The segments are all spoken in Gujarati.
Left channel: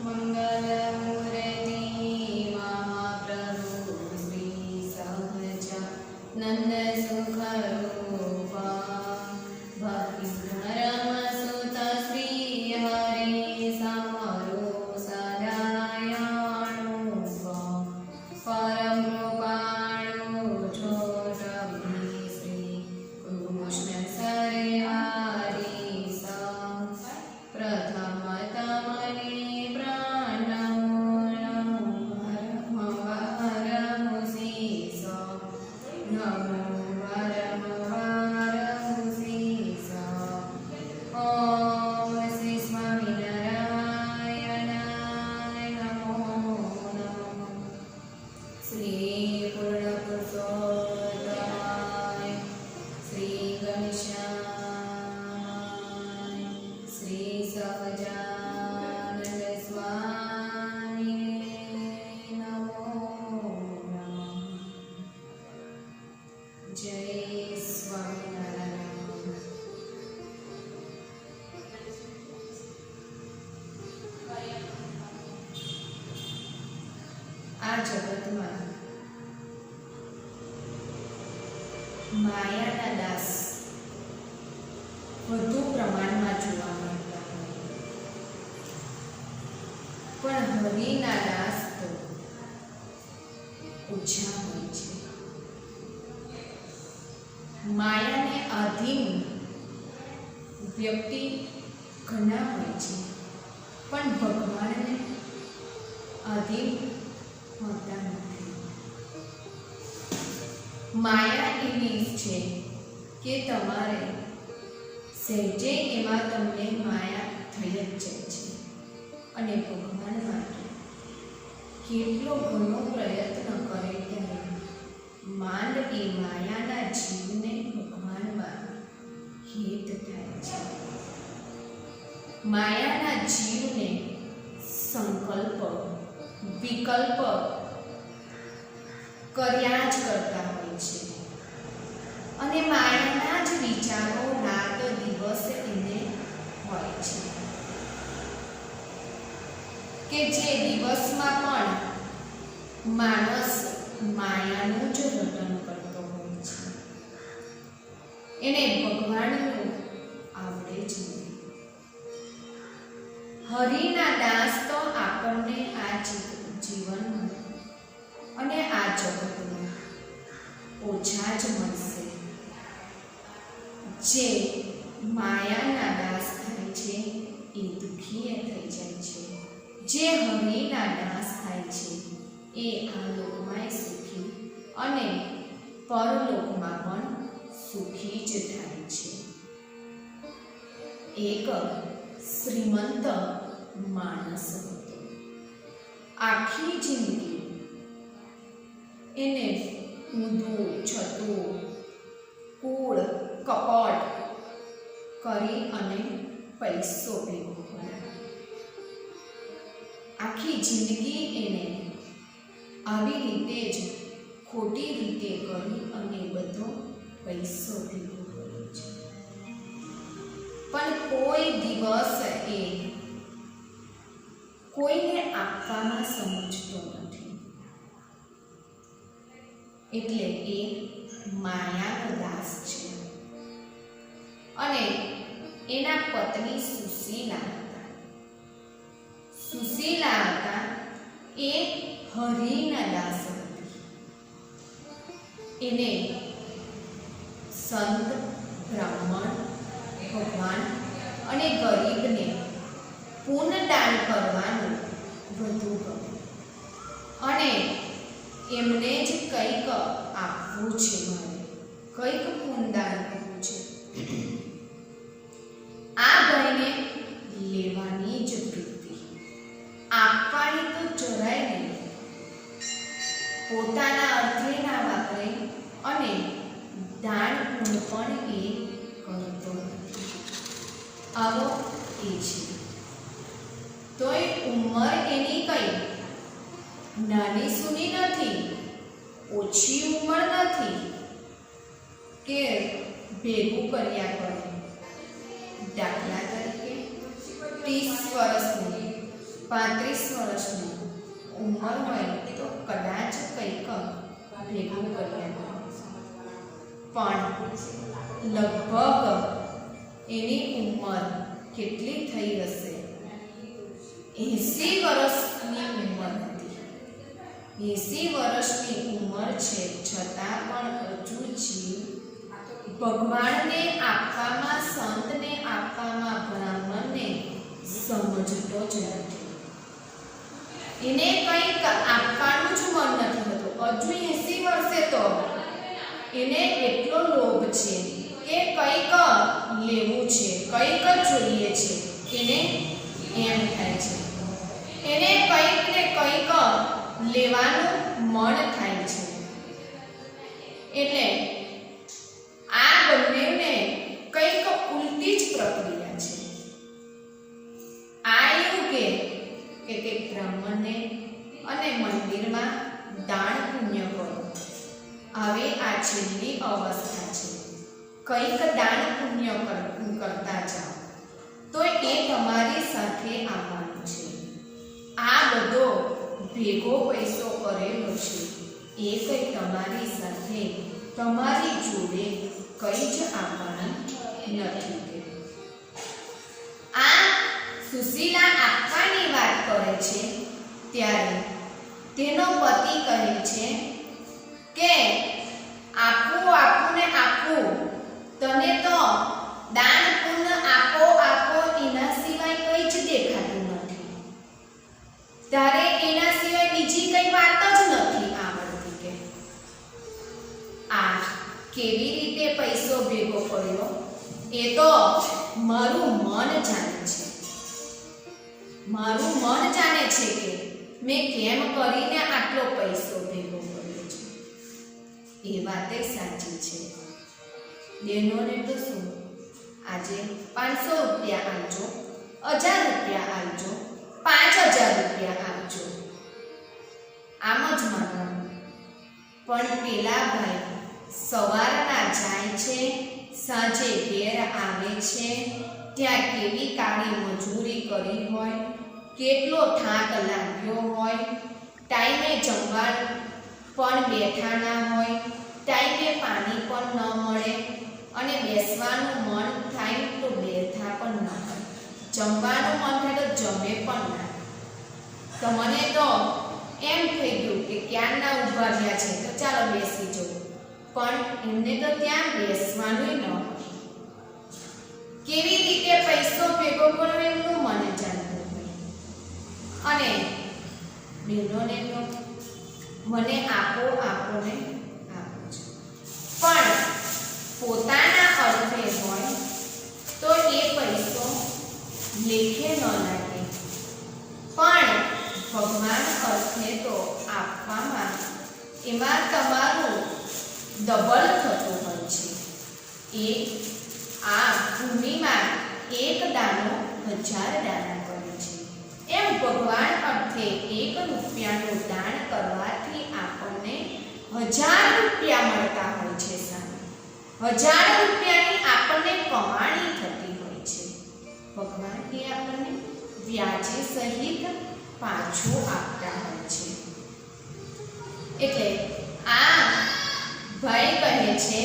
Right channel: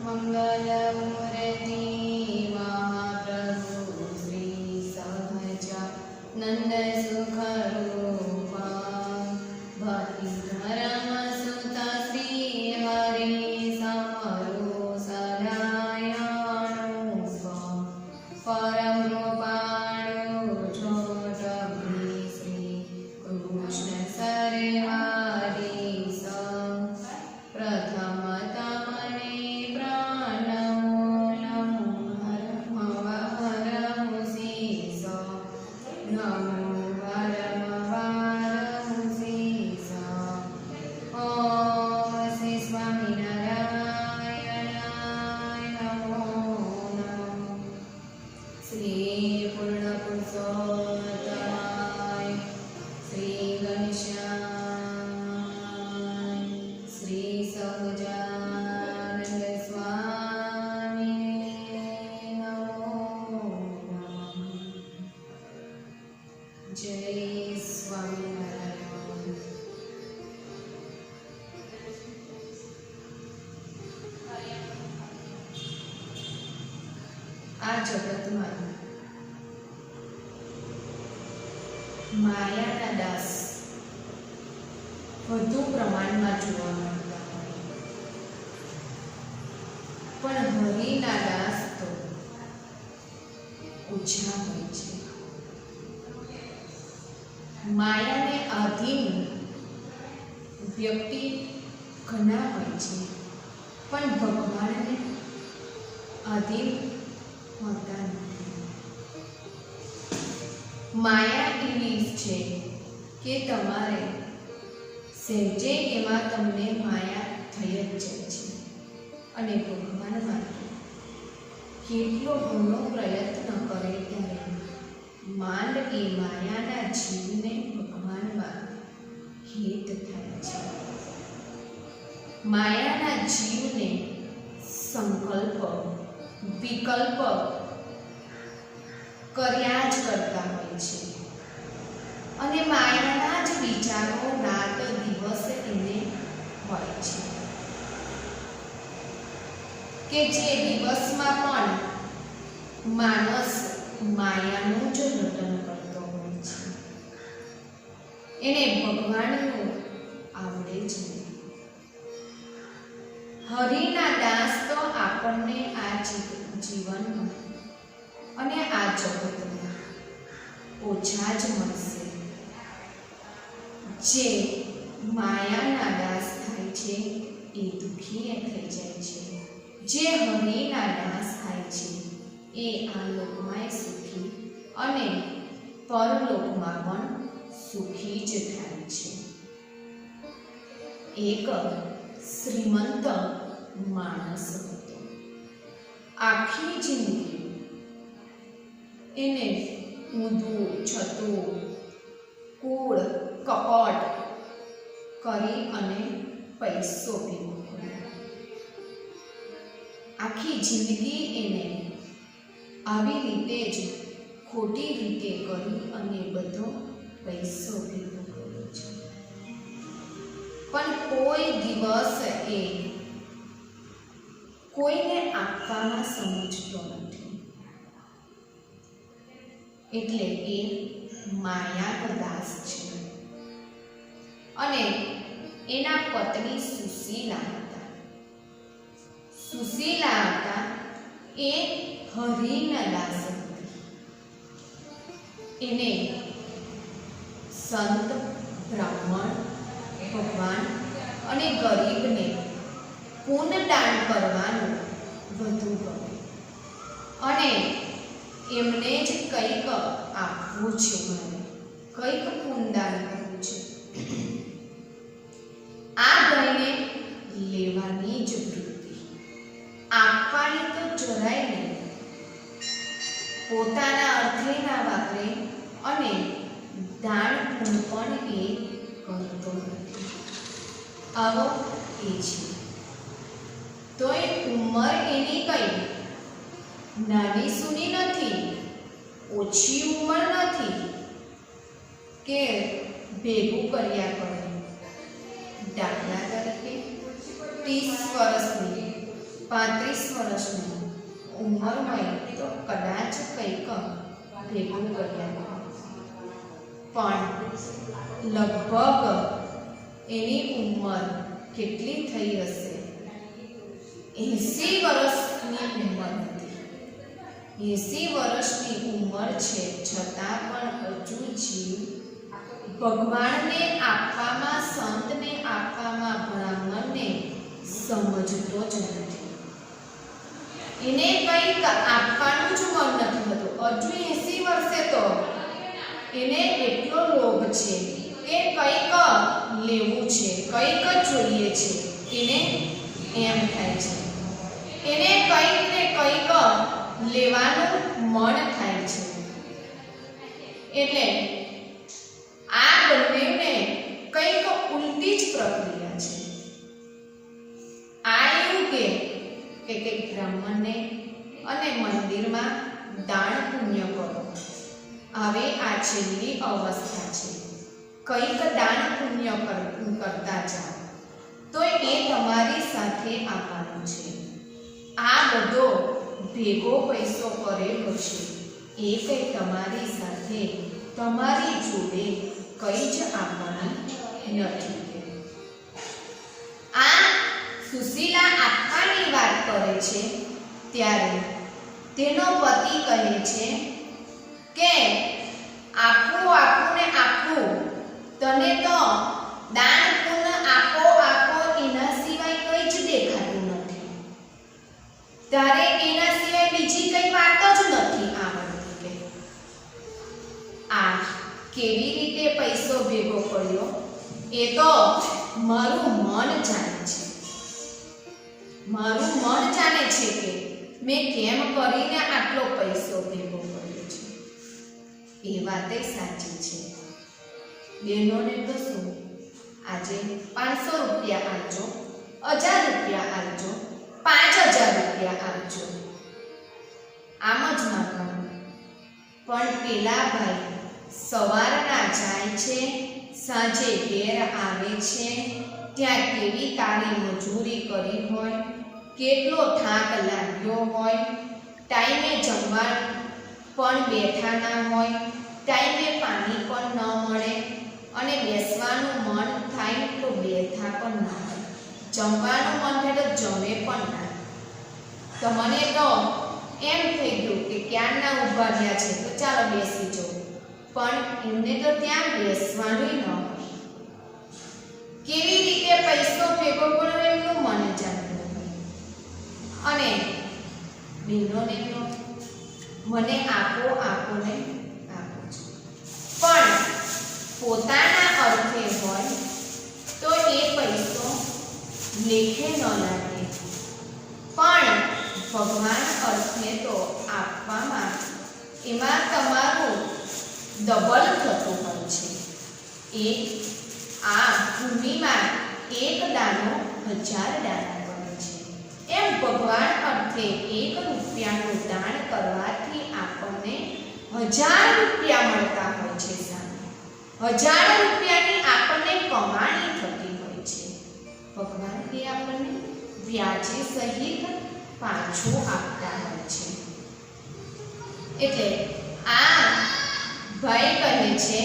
मंगलमूर्ति महाप्रभु श्री सहजानंद सुख रूपा भक्ति धर्म सुत श्री हरि समरो सदायानुपा परम कृपाणु छोट श्री कृष्ण सर्वारी प्रथम तमने आ जगत में मायाना दास વધુ પ્રમાણમાં જોવા મળતા હોય, પણ હરિના દાસ તો ઓછા હોય છે. માયાને આધીન વ્યક્તિ ઘણા હોય છે, પણ ભગવાનને આધીન હોતા નથી. માયા એવી છે કે તમારે સહેજે એમાં તમને માયા થઈ જ જાય છે, અને ભગવાન માટે કેટલો ઘણો પ્રયત્ન કરે ત્યારે માંડ એ માયાના જીવને ભગવાનમાં હિત થાય છે. માયાના જીવને સંકલ્પ વિકલ્પ કર્યા જ કરતા હોય છે, અને માયાના જ વિચારો રાત દિવસ એને હોય છે, કે જે દિવસમાં પણ માણસ માયાનું જ રટન કરતો હોય છે, એને ભગવાનનું આવડે જ નહીં. હરિના દાસ તો આપણને આ જીવનમાં અને આ જગતમાં ઓછા જ મળશે. જે માયાના દાસ થાય છે એ દુઃખી થઈ જાય છે, જે હરિના દાસ થાય છે એ આ લોકમાં સુખી અને પરલોકમાં પણ સુખી જ થાય છે. એક શ્રીમંત માણસ હતો. આખી જિંદગી એને ઊંધું છતું કૂળ કપટ કરી અને પૈસો ભેગો કર્યો. આખી જિંદગી એને આવી રીતે જ ખોટી રીતે કરી અને બધો પૈસો ભેગો કર્યો છે, પણ કોઈ દિવસ એ કોઈને આપવામાં સમજતો નથી. એટલે એ માયાનો દાસ છે. અને એના પત્ની સુશીલા હતા. સુશીલા હતા એ હરિના દાસ હતી. એને સંત બ્રાહ્મણ ભગવાન અને ગરીબને પુનદાન કરવાનું વધુ ગમે, અને એમને જ કંઈક આપવું છે, મારે કંઈક પુનદાન કરવું છે. આ ગાયને લેવાની જ વૃત્તિ, આપવાની તો જરાય નહીં. પોતાના અર્થે ના વાપરે અને દાન પૂર્ણ પણ એ કરતો નથી. આવો એ છે. તોય ઉંમર એની કઈ નાની સૂની નથી, ઓછી ઉંમર નથી કે ભેગું કર્યા કરે. દાખલા તરીકે 30 વર્ષની 35 વર્ષની ઉંમર હોય તો કદાચ કંઈક ભેગું કર્યા, પણ લગભગ એની ઉંમર કેટલી થઈ હશે? 80 વર્ષની ઉંમર હતી. 80 વર્ષની ઉંમર છે છતાં પણ હજુ જીવ ભગવાનને આપવામાં, સંતને આપવામાં બ્રાહ્મણને સમજતો જ નથી. એને કંઈક આપવાનું જ મન નથી થતું. હજુ 80 વર્ષે તો એને એટલો લોભ છે કે કંઈક લેવું છે, કંઈક જોઈએ છે. એને એમ થાય છે, એને કંઈક ને કંઈક લેવાનું મન થાય છે. એટલે આ બંનેને કંઈક ઉલટી જ પ્રક્રિયા છે. આ એવું કે કંઈક બ્રાહ્મણને અને મંદિરમાં દાન પુણ્ય કરો. હવે આ છેલ્લી અવસ્થા છે. કંઈક દાન પુણ્ય કરતા જાઓ તો એ તમારી સાથે આવવાનું છે. આ બધો ભેગો પૈસો કરેલો છે એ કંઈ તમારી સાથે, તમારી જોડે કંઈ જ આવવાનું નથી. આ સુશીલા આપવાની વાત કરે છે ત્યારે તેનો પતિ કહે છે કે આપવું, આપવું ને આપવું, તને તો દાન પુણ્ય આપો આપો એના સિવાય કંઈ જ દેખાતું નથી. તારે એના સિવાય બીજી કઈ વાત જ નથી આવડતી. કે આ કેવી રીતે પૈસો ભેગો કર્યો એ તો મારું મન જાણે છે. મારું મન જાણે છે કે મેં કેમ કરીને આટલો પૈસો ભેગો કર્યો છે. એ વાતે સાચી છે. બહેનોને તો શું, આજે 500 રૂપિયા આપજો, 1000 રૂપિયા આપજો, 5000 રૂપિયા આપજો, આમ જ માગવાનું. પણ પેલા ભાઈ સવારના જાય છે, સાંજે ઘેર આવે છે, ત્યાં કેવી કાળી મજૂરી કરી હોય, કેટલો થાક લાગ્યો હોય, ટાઈમે જમવા પણ બેઠા ના હોય, ટાઈમે પાણી પણ ન મળે, અને બેસવાનું મન થાય તો બેઠા પણ ન હોય, જમવાનું મન થાય તો જમે પણ ના. તમને તો એમ થઈ ગયું કે ક્યારના ઊભા રહ્યા છે તો ચાલો બેસી જાઓ, પણ એમને તો ત્યાં બેસવાનું ન હોય. કેવી રીતે પૈસો ભેગો કરવો એમનું મન જાણતું હોય. અને બહેનોને તો મને આપો આપો ને આપો છો, પણ પોતાના અર્થે હોય તો એ પૈસો લેખે ન લાગે, પણ ભગવાન અર્થે તો આપવામાં એમાં તમારું ડબલ થતું હોય છે. એ આ ભૂમિમાં એક દાણો 1000 દાણા કરે છે. એમ ભગવાન અર્થે 1 રૂપિયાનું દાન કરવાથી આપણને 1000 રૂપિયા મળતા હોય છે. સામે 1000 રૂપિયાની આપણને કમાણી થતી હોય છે. ભગવાન એ આપણને વ્યાજે સહિત પાછું આપતા હોય છે. એટલે આ ભાઈ કહે છે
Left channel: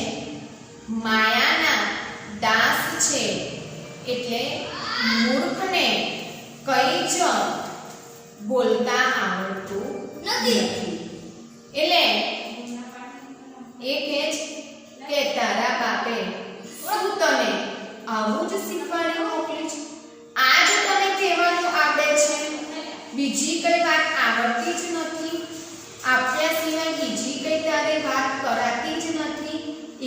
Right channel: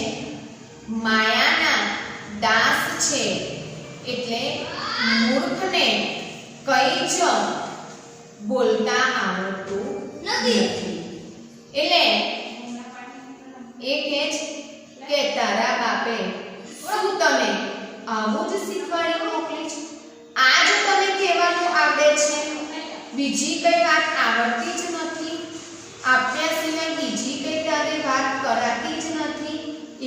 માયાના દાસ છે એટલે મૂર્ખને કંઈ જ બોલતા આવડતું નથી. એટલે એ કહે છે કે તારા બાપે શું તને આવું જ શીખવાડી મોકલી છે? આ જ તને કહેવાનું આવડે છે, બીજી કઈ વાત આવડતી જ નથી? આપ્યા સિવાય બીજી કઈ તારે વાત કરાતી જ નથી?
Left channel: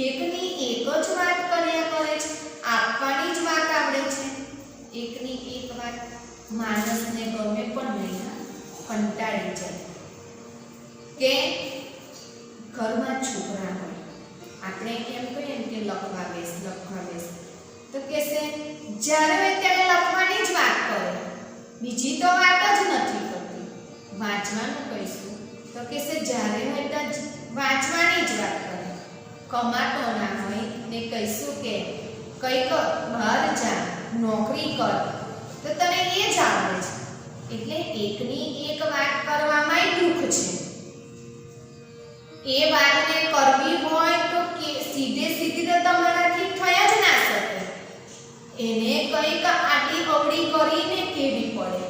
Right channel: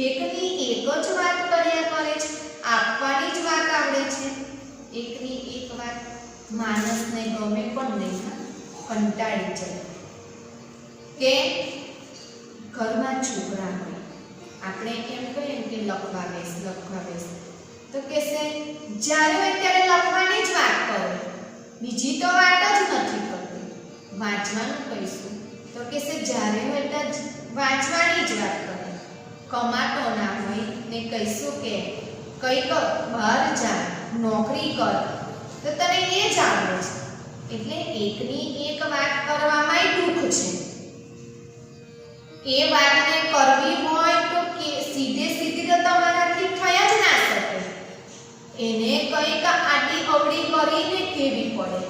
એકની એક જ વાત કર્યા કરે છે, આપવાની જ વાત આવડે છે. એકની એક વાત માણસને ગમે પણ નહીં, કંટાળી જાય. કે ઘરમાં છોકરા હોય, આપણે એમ કહીએ કે લખવા બેસ, તો કહેશે જ્યારે હોય ત્યારે લખવાની જ વાત કરે, બીજી તો વાત જ નથી કરતી. વાંચવાનું કહીશું તો કહેશે જ્યારે હોય ત્યાં વાંચવાની જ વાત કરે. કમાતો ના હોય ને કહીશું કે કંઈક બહાર જા, નોકરી કર, તો તને એ જ આવડે છે. એટલે એકની એક વાત કરવામાં દુઃખ છે. એ વાતને કરવી હોય તો સીધે સીધી તો તમારાથી થઈ જ ના શકે. એને કંઈક આડી અવળી કરીને કેવી પડે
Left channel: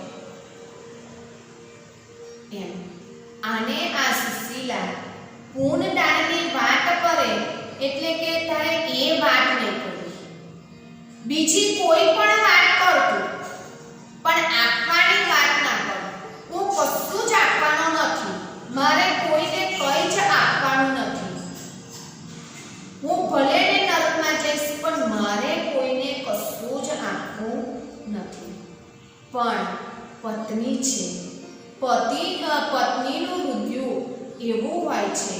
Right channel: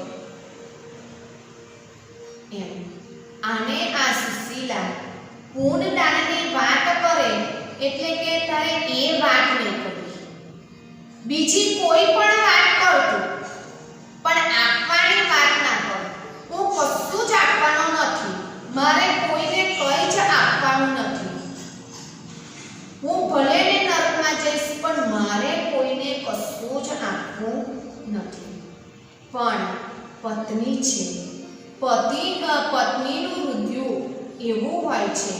એમ. આને આ સુશીલા પૂર્ણદાનની વાત કરે એટલે કે તારે એ વાત નહીં કરવી. બીજી કોઈ પણ વાત કરતું પણ આપવાની વાત ના કર. હું કશું જ આપવાનો નથી. મારે કોઈને કંઈ જ આપવાનું નથી. હું ભલે ને નરકમાં જઈશ પણ મારે કોઈને કશું જ આપવું નથી. પણ પત્ની છે, પત્નીનું હૃદય એવું હોય છે,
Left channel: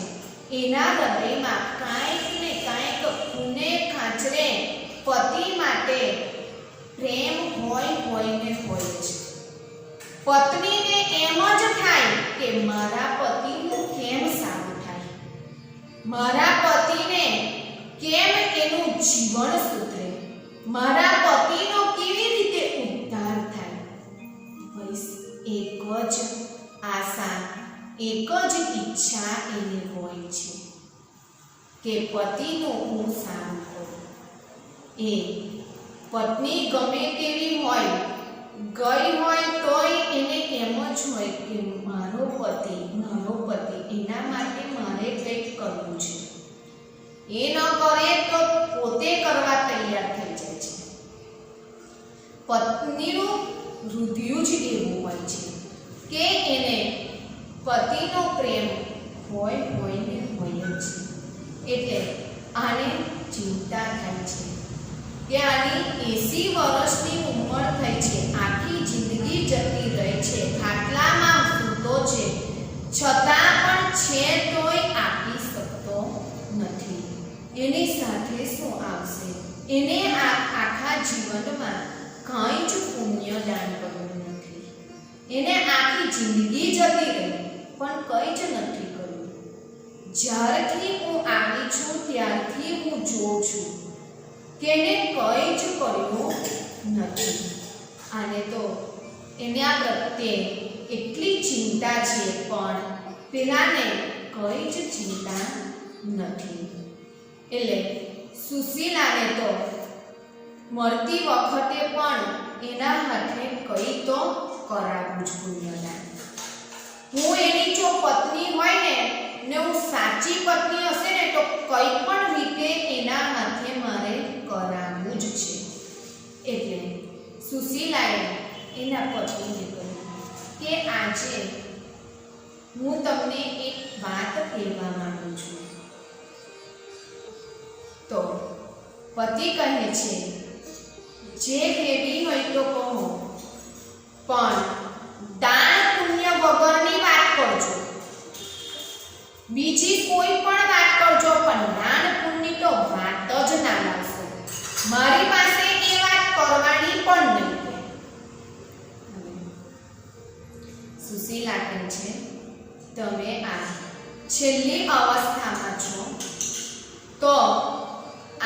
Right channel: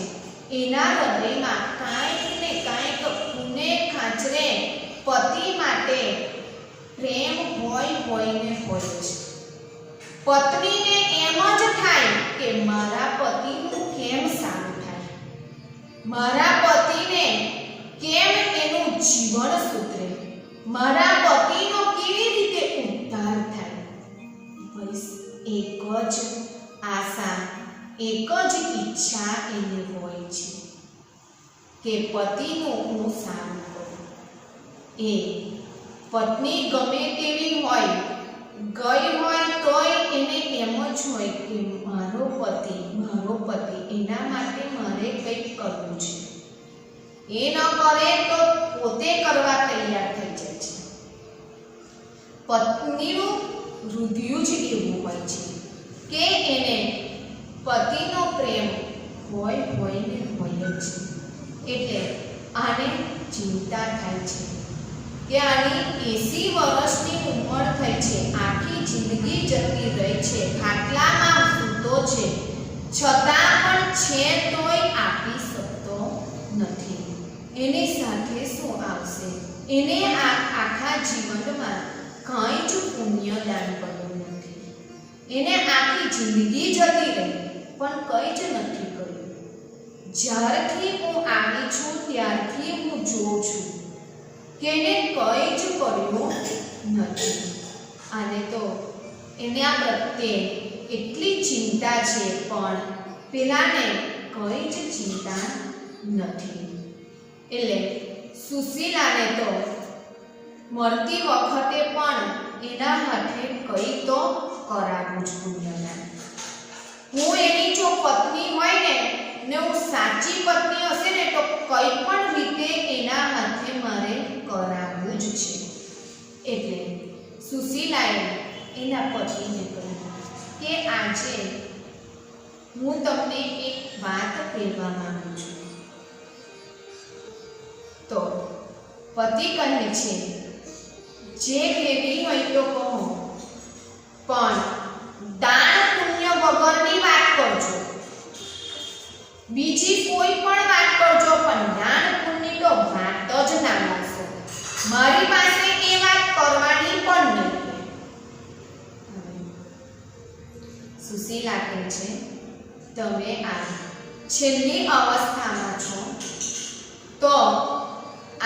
એના હૃદયમાં કાંઈક ને કાંઈક ખૂને ખાંચરે પતિ માટે પ્રેમ હોય ને હોય જ. પત્નીને એમ જ થાય કે મારા પતિનું કેમ સારું થાય, મારા પતિને કેમ એનું જીવન સુધરે, મારા પતિનો કેવી રીતે ઉદ્ધાર થાય. બસ એક જ આશા, એક જ ઈચ્છા એની હોય છે કે પતિનું હું સારું કરું. એ પત્ની ગમે તેવી હોય, ગઈ હોય તોય એને એમ જ હોય કે મારો પતિ એના માટે મારે કંઈક કરવું છે. એ ન કરે તો પોતે કરવા તૈયાર થઈ જાય છે. પત્નીનું હૃદય જ એવું હોય છે કે એને પતિનો પ્રેમ હોય ને હોય જ. એટલે આને ચિંતા થાય છે કે આની 80 વર્ષની ઉંમર થઈ છે, આખી જિંદગી જતી રહી છે, ખાટલામાં સૂતો છે, છતાં પણ છે તોય આપી શકતો નથી. એની સાથે શું આવશે? એને આખા જીવનમાં કંઈ જ પુણ્ય દાન કર્યું નથી. એને આખી જિંદગી જતી રહી પણ કંઈ જ નથી કર્યું. જ્યારથી હું આવી છું ત્યારથી હું જોઉં છું કે એને કંઈ જ કર્યું નથી. આને તો એના પ્રત્યે એટલી ચિંતા છે પણ પેલાને કંઈ જ ચિંતા નથી. એટલે સુશીલાને તો મળતી વખતે પણ એના હાથે કંઈ તો કરાવું જ પુણ્યદાન. હું એની જો પત્ની હોય ને હું સાચી પત્ની હશે ને તો કંઈ પણ રીતે એના હાથે મારે કરાવવું જ છે. એટલે સુશીલાએ એના પતિને કહ્યું કે આજે હું તમને એક વાત કહેવા માંગુ છું. તો પતિ કહે છે જે કહેવી હોય તો કહો, પણ દાન પુણ્ય વગરની વાત કરજો. બીજી કોઈ પણ વાત કરજો પણ દાન પુણ્ય તો વાત જ ના લાવશો. મારી પાસે એ વાત કરવાની પણ નહીં. સુશીલા કહે છે તમે આ છેલ્લી અવસ્થામાં છો તો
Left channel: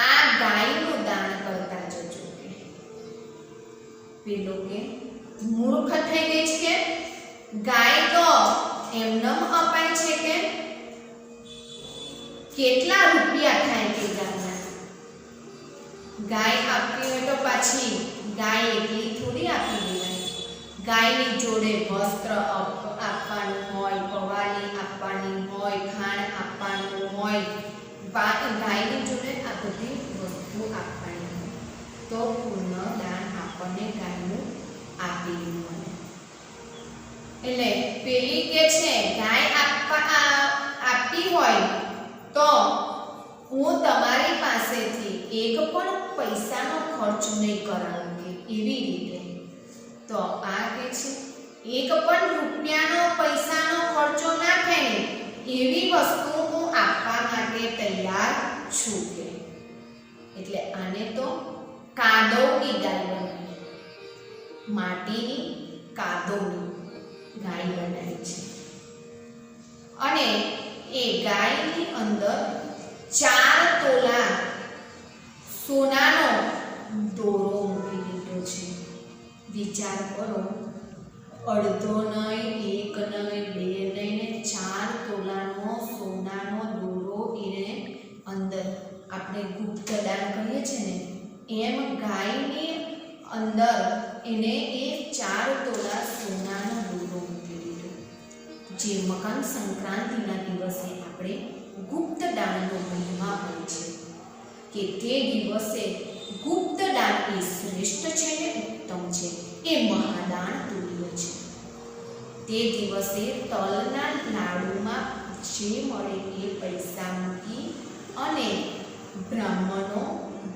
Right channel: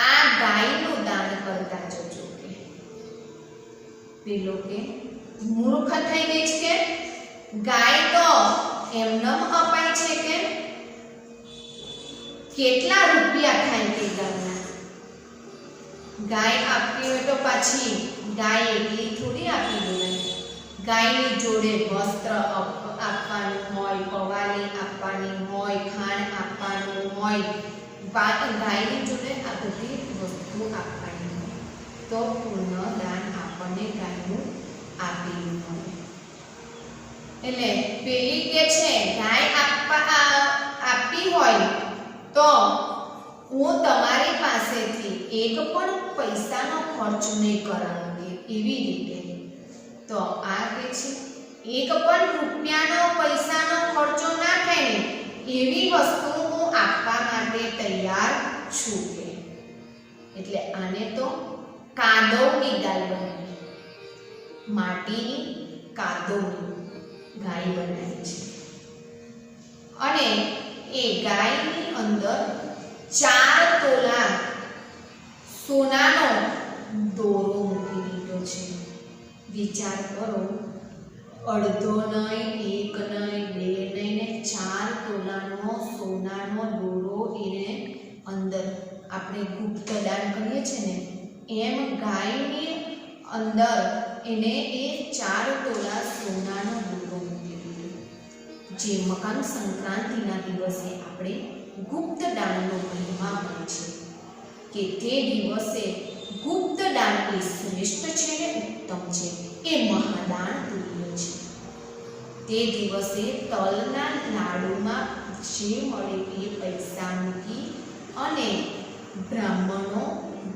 આ ગાયનું દાન કરતા જજો. પેલો કે મૂર્ખ થઈ ગઈ છે કે ગાય તો એમનેમ અપાય છે કે કેટલા રૂપિયા થાય તે ગાયના? ગાય આપવી હોય તો પાછી ગાય એટલી થોડી આપી દેવાય. ગાયની જોડે વસ્ત્ર આપવાનું હોય, પવાલી આપવાની હોય, ખાંડ આપવાનું હોય, ગાયની જોડે આ બધી વસ્તુ આપવાની હોય તો પૂર્ણ દાન આપણને ગાયનું આપેલું હોય. એટલે પેલી કે છે ગાય આપી હોય તો હું તમારી પાસેથી એક પણ પૈસાનો ખર્ચ નહીં કરાવું. એવી રીતે તો આ કે છે એક પણ રૂપિયાનો પૈસાનો ખર્ચો ના થાય ને એવી વસ્તુ હું આપવા માટે તૈયાર છું કે. એટલે આને તો કાદવની ગાય બનાવી, માટીની કાદવની ગાય બનાવી છે. અને એ ગાયની અંદર 4 તોલા સોનાનો દોરો મૂકી દીધો છે. વિચાર કરો અડધો નહીં, એક નહીં, બે નહીં ને 4 તોલાનો સોનાનો દોરો એને અંદર આપણે ગુપ્ત દાન કહીએ છીએ ને એમ ગાયની અંદર એને એ 4 તોલા સોનાનો દોરો મૂકી દીધો, જે મકર સંક્રાંતિના દિવસે આપણે ગુપ્ત દાનનો મહિમા હોય છે કે તે દિવસે ગુપ્ત દાન એ શ્રેષ્ઠ છે ને ઉત્તમ છે, એ મહાદાન તુલ્ય છે. તે દિવસે તલના લાડુમાં જે મળે એ પૈસા મૂકી અને બ્રાહ્મણો,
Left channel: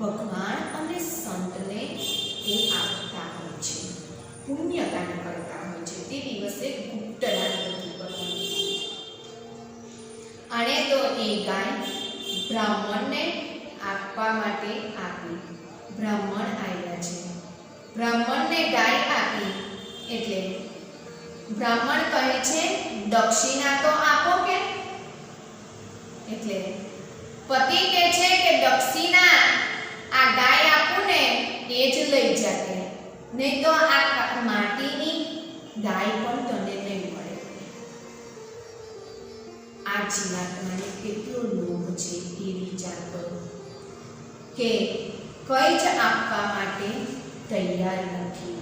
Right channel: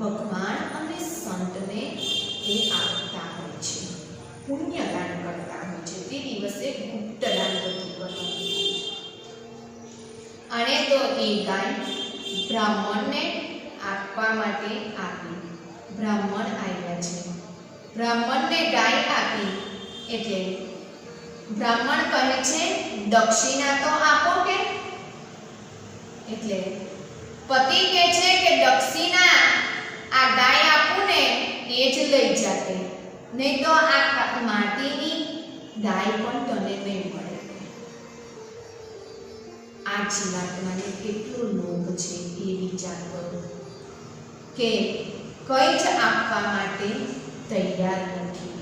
ભગવાન અને સંતને એ આપતા હોય છે, પુણ્યદાન કરતા હોય છે. તે દિવસે ગુપ્ત દાન બધું કરવાનું છે. અને તો એ ગાય બ્રાહ્મણને આપવા માટે આપી. બ્રાહ્મણ આવ્યા છે, બ્રાહ્મણને ગાય આપી એટલે બ્રાહ્મણ કહે છે દક્ષિણા તો આપો કે. એટલે પતિ કહે છે કે દક્ષિણા આ ગાય આપું ને એ જ લઈ જાતે, નહીં તો આ માટીની ગાય પણ તને નહીં મળે. આ જીવાત્માને કેટલો લોભ છે એ વિચાર કરો કે કંઈ જ આપવા માટે તૈયાર નથી.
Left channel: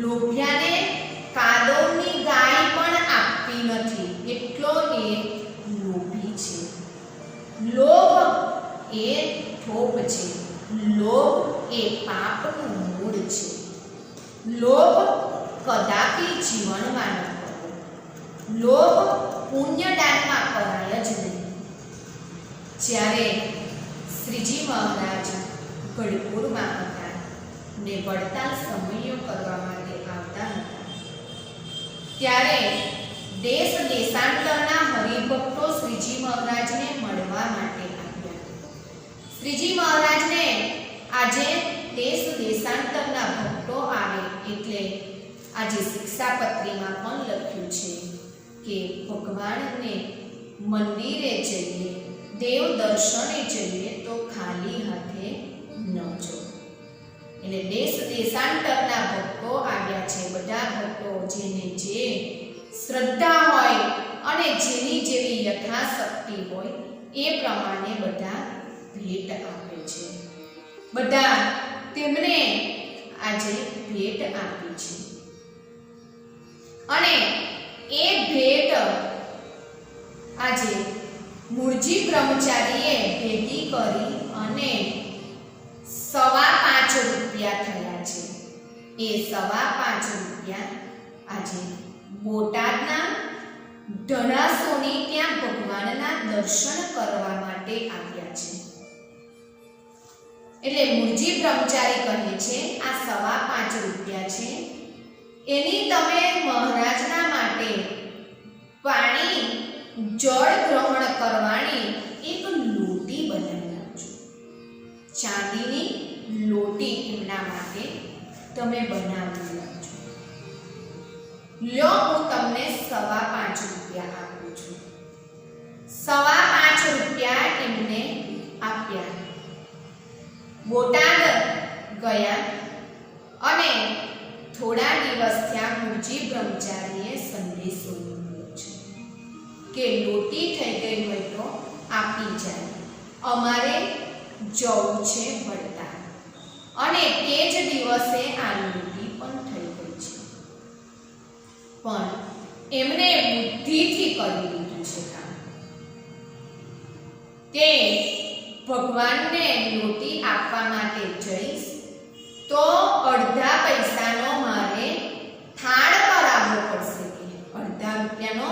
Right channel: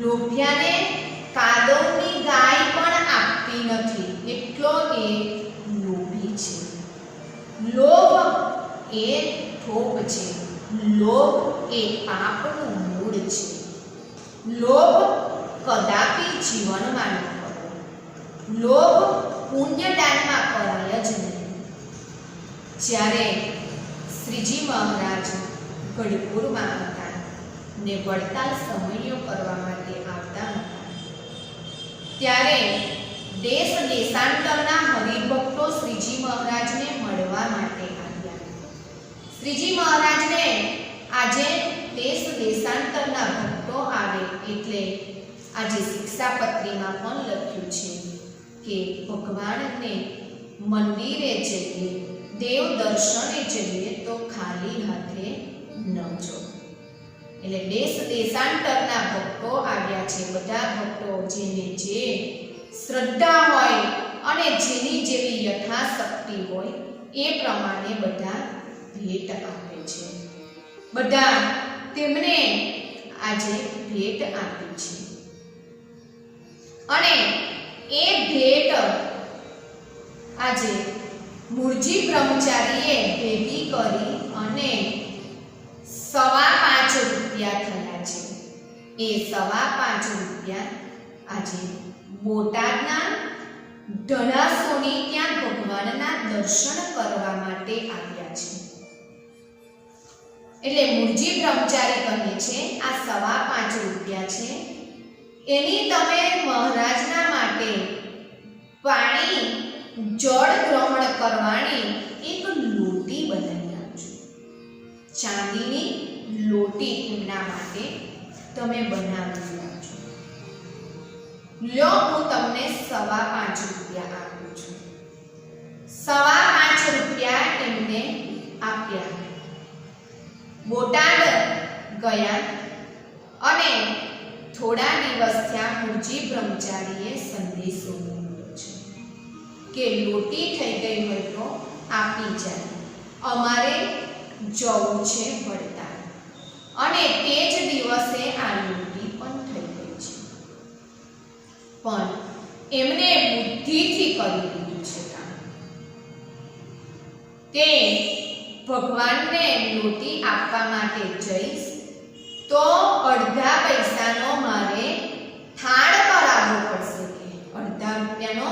લોભિયાને કાદવની ગાય પણ આપતી નથી, એટલો એ લોભી છે. લોભ એ થોપ છે, લોભ એ પાપનું મૂળ છે. લોભ કદાપી જીવનમાં ન કરવો. લોભ પુણ્યદાનમાં કરાય જ નહીં. જ્યારે શ્રીજી મહારાજ ગઢપુરમાં હતા ને વડતાલ સમયો કરવા માટે આવતા હતા, ત્યારે દેશ દેશાંતરના હરિભક્તો શ્રીજી મહારાજને મળવા માટે આવ્યા. શ્રીજી મહારાજને આજે દેશ દેશાંતરના ભક્તો આવે એટલે આજે શિક્ષાપત્રીમાં પણ લખ્યું છે કે ભગવાનને મંદિરે જઈએ, દેવ દર્શને જઈએ તો ખાલી હાથે ન જો. એટલે દેશ દેશાંતરના ભક્તો આવ્યા છે. બધા ભક્તો જેને જે શ્રદ્ધા હોય અને જેની જેવી યથાશક્તિ હોય એ પ્રમાણે બધા ભેટ આપે છે. બધા તેમને આજે ભેટ આપી છે અને એ ભેટ આજે મૂળજી બ્રહ્મચારીએ ભેગી કરી અને 5.25 રૂપિયા થયા છે. એ 5.25 રૂપિયા આજે બોટાદના ધણાસોની ત્યાં ભગવાનના દર્શન કરવા માટે આવ્યા છે. એટલે મૂળજી બ્રહ્મચારી કહે છે આ 5.25 રૂપિયા છે, એની તમે મહારાજના માટે પાણી જળ ગ્રહણ કરવાની એક લોટી બનાવી આપજો. ચાંદીની લોટી એમના માટે તમે બનાવી આપજો. લ્યો હું તમને 5.25 રૂપિયા આપું છું. 5.25 રૂપિયા એમને આપ્યા. બોટાદ ગયા અને થોડા દિવસ ત્યાં મૂળજી બ્રહ્મચારીએ સંદેશો મોકલ્યો છે કે લોટી થઈ ગઈ હોય તો આપી જાય, અમારે જવું છે વડતાલ. અને તે જ દિવસે આ લોટી પણ થઈ ગઈ છે. પણ એમને બુદ્ધિથી કરી લીધું છે કામ કે ભગવાનને લોટી આપવા માટે જઈશ તો અડધા પૈસાનો મારે થાળ કરાવવો પડશે કે અડધા રૂપિયાનો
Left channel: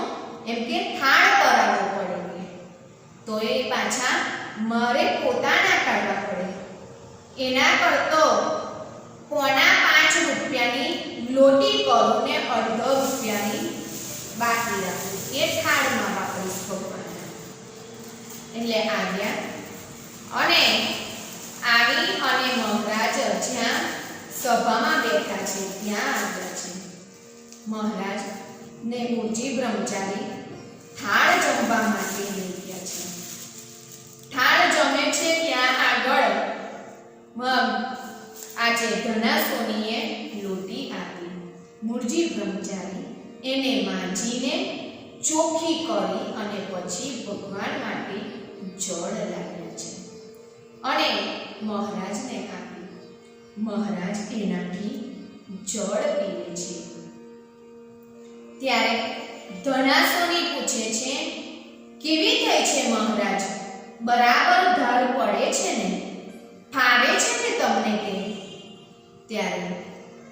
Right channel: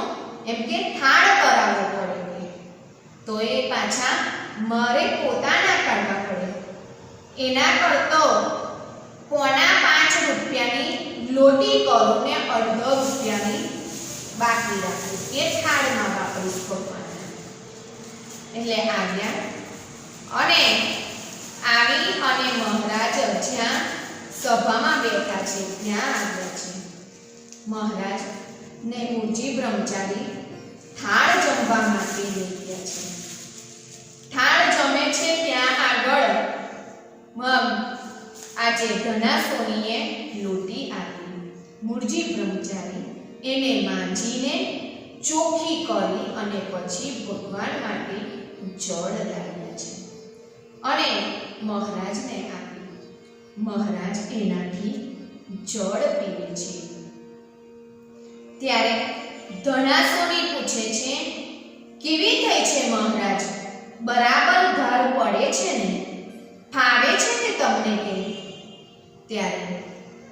એમ કે થાળ કરાવવો પડે કે તો એ પાછા મારે પોતાના કાઢવા પડે. એના કરતો 5.25 રૂપિયાની લોટી કરું ને અડધો રૂપિયાની બાકી રાખું એ થાળમાં વાપરીશ ભગવાન. એટલે આવ્યા અને આવી અને મહારાજ જ્યાં સભામાં બેઠા છે ત્યાં આવ્યા છે. મહારાજ ને મૂળજી બ્રહ્મચારી થાળ જમવા માટે લઈ ગયા છે. થાળ જમે છે ત્યાં આગળ આજે ધનાસોનીએ લોટી આપી મૂળજી બ્રહ્મચારી એને માંજીને ચોખ્ખી કરી અને પછી ભગવાન માટે જળ લાવ્યા છે અને મહારાજને આપી. મહારાજ એનાથી જળ પીવે છે. ત્યારે ધણાસુરી પૂછે છે, કેવી થઈ છે મહારાજ? બરાબર ધાર પડે છે ને? ફાવે છે ને તમને કે? ત્યારે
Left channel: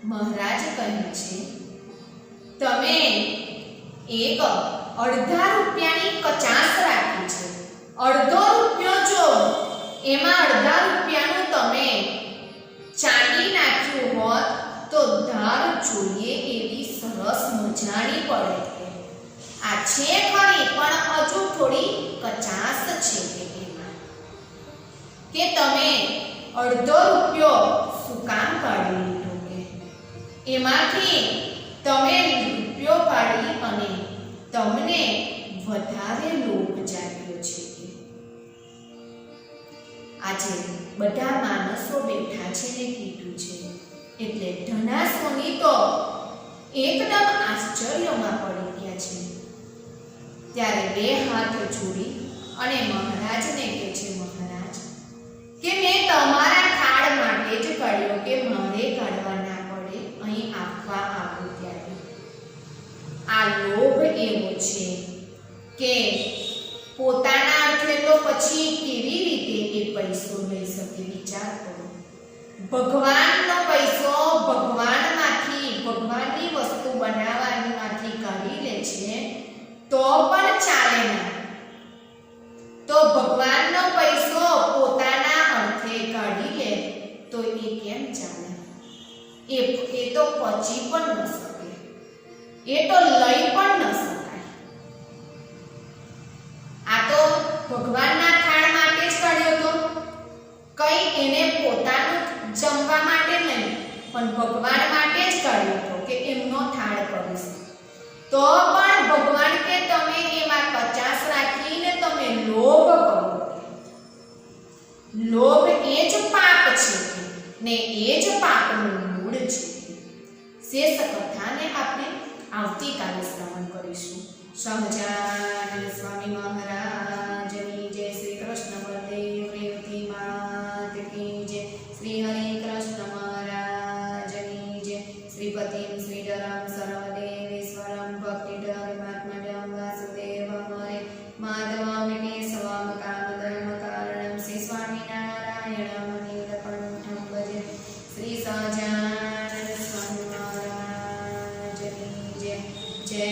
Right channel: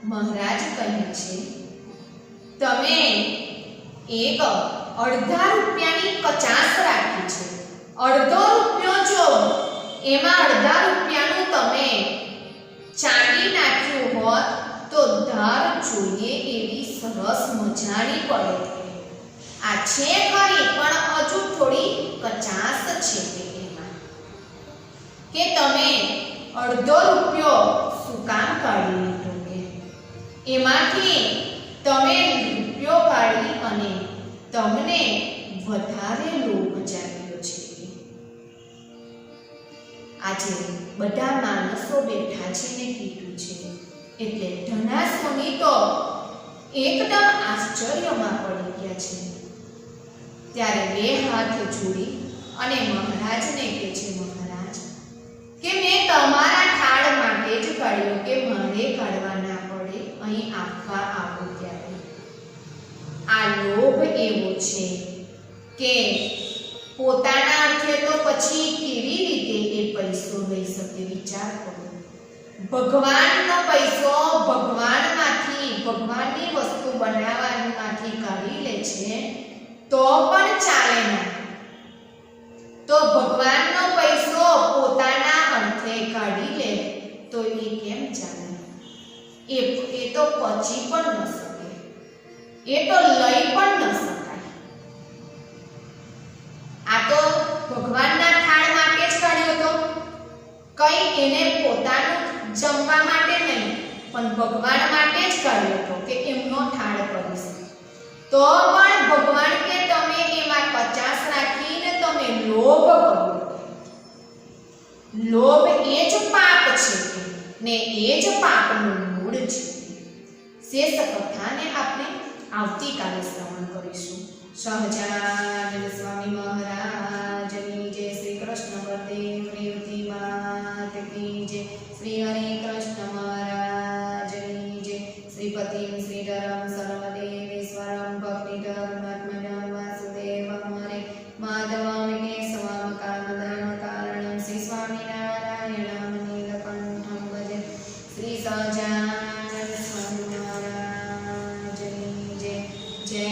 મહારાજ કહે છે, તમે એક અડધા રૂપિયાની કચાસ રાખી છે. અડધો રૂપિયો જો એમાં અડધા રૂપિયાનું તમે ચાંદી નાખ્યું હોત તો ધાર જોઈએ એવી સરસ મજાની પડે. આ છે ખરી પણ હજુ થોડી કચાસ છે કે એમાં, કે તમે અડધો રૂપિયો શું કામ કાઢી લીધો? કે એમાંથી તમે રૂપિયો પાડી અને તમને વધારે લોભ જાગ્યો છે. કે આજે બધા માણસો બેઠા છે ને કીધું છે એટલે ધનાસુની તો એકદમ આશ્ચર્યમાં પડી ગયા છે. ત્યારે બે હાથ જોડી અને મહારાજને કહે છે, મહારાજ કે મેં તમારા થાળ માટે જ કાઢ્યો, કે મારે કાઢવા ના પડે અહીં આપવા આવું ત્યારે. આ લોભ એવો છે કે પોતાના અર્થે તો પછી કેવી રીતે એ પૈસો લઈ શકે? વિચાર કરો. ભગવાનનો પૈસો ભગવાનમાંથી, ભગવાનની વસ્તુ બનાવવામાંથી કાઢી લે છે તો પણ ચાલે ના. તો ભગવાનનો પૈસો પોતાના અર્થે કાઢી લે તો એ કેમ ચાલે? એ તો પચી પણ ન શકે, એ તો લઈ પણ ન શકાય. આ તો ભગવાનના થાળ માટે જ કાઢ્યો તો, કઈ એને પોતાનું જમવા માટે નહીં પણ ભગવાન માટે જ કાઢ્યો હતો કે એમનો થાળ કરીશ. તો પણ ભગવાન કે તમે એમાં કચાસ રાખીને તમે લોભ કરો. લોભ એ જ પાપ છે ને એ જ પાપનું મૂળ છે. શેષ કથાને આપણે આવતીકાલે શ્રવણ કરીશું. સહજાનંદ સ્વામી મહારાજની જય. શ્રી કૃષ્ણ બલદેવ રેવતી માત કી જય. શ્રી હરિ કૃષ્ણ મહારાજની જય. શ્રીપતિમ શ્રીધરમ સર્વદેવેશ્વરમ ભક્તિધર્માત્મજમ વાસુદેવમ હરે માધવમ કેશવમ કામદમ કારણમ શ્રી સ્વામિનારાયણમ નીલકંઠમ ભજે. શ્રી સહજાનંદ સ્વામી મહારાજની જય. જય